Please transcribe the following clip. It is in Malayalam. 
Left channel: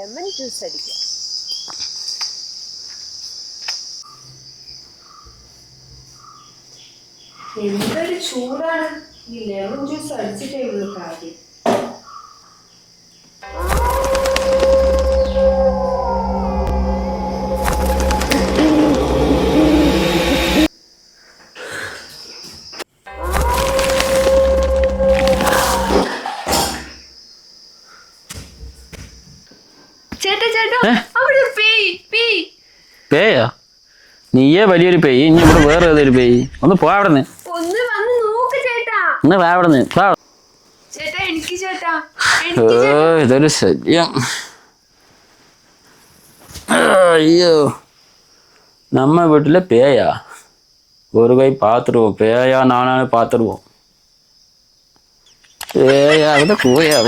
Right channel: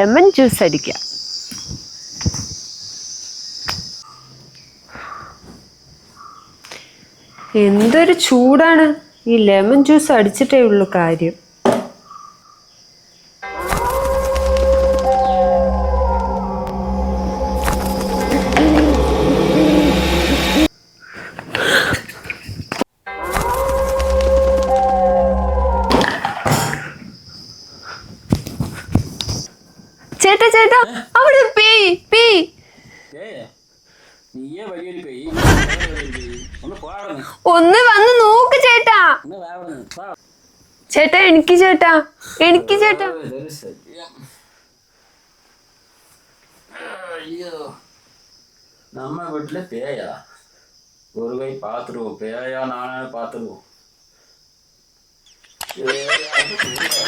ലെമൺ ജ്യൂസ് അടിക്കാം. എന്തൊരു ചൂടാണ്. ഈ ലെമൺ ജ്യൂസ് അടിച്ചിട്ടേ ഉള്ളൂ കാര്യം. ചേട്ടാ ചേട്ടാ, അവിടെ പേയാ? നീയേ വലിയൊരു പേയ്, ഇനി വേറെ ഏതൊരു പേയ്? ഒന്ന് പോവിടുന്ന്. ഒന്ന് വന്ന് നോക്ക് ചേട്ടാ. ഒന്ന് പോവിടുന്ന്. ചേട്ടാ എനിക്ക് ചേട്ടാ, ഇതൊരു ശല്യം. അയ്യോ, நம்ம வீட்டுல பேயா? ஒரு கை பார்த்துருவோம். பேயா நானாலும் பார்த்துருவோம். பேயா கூட போயா?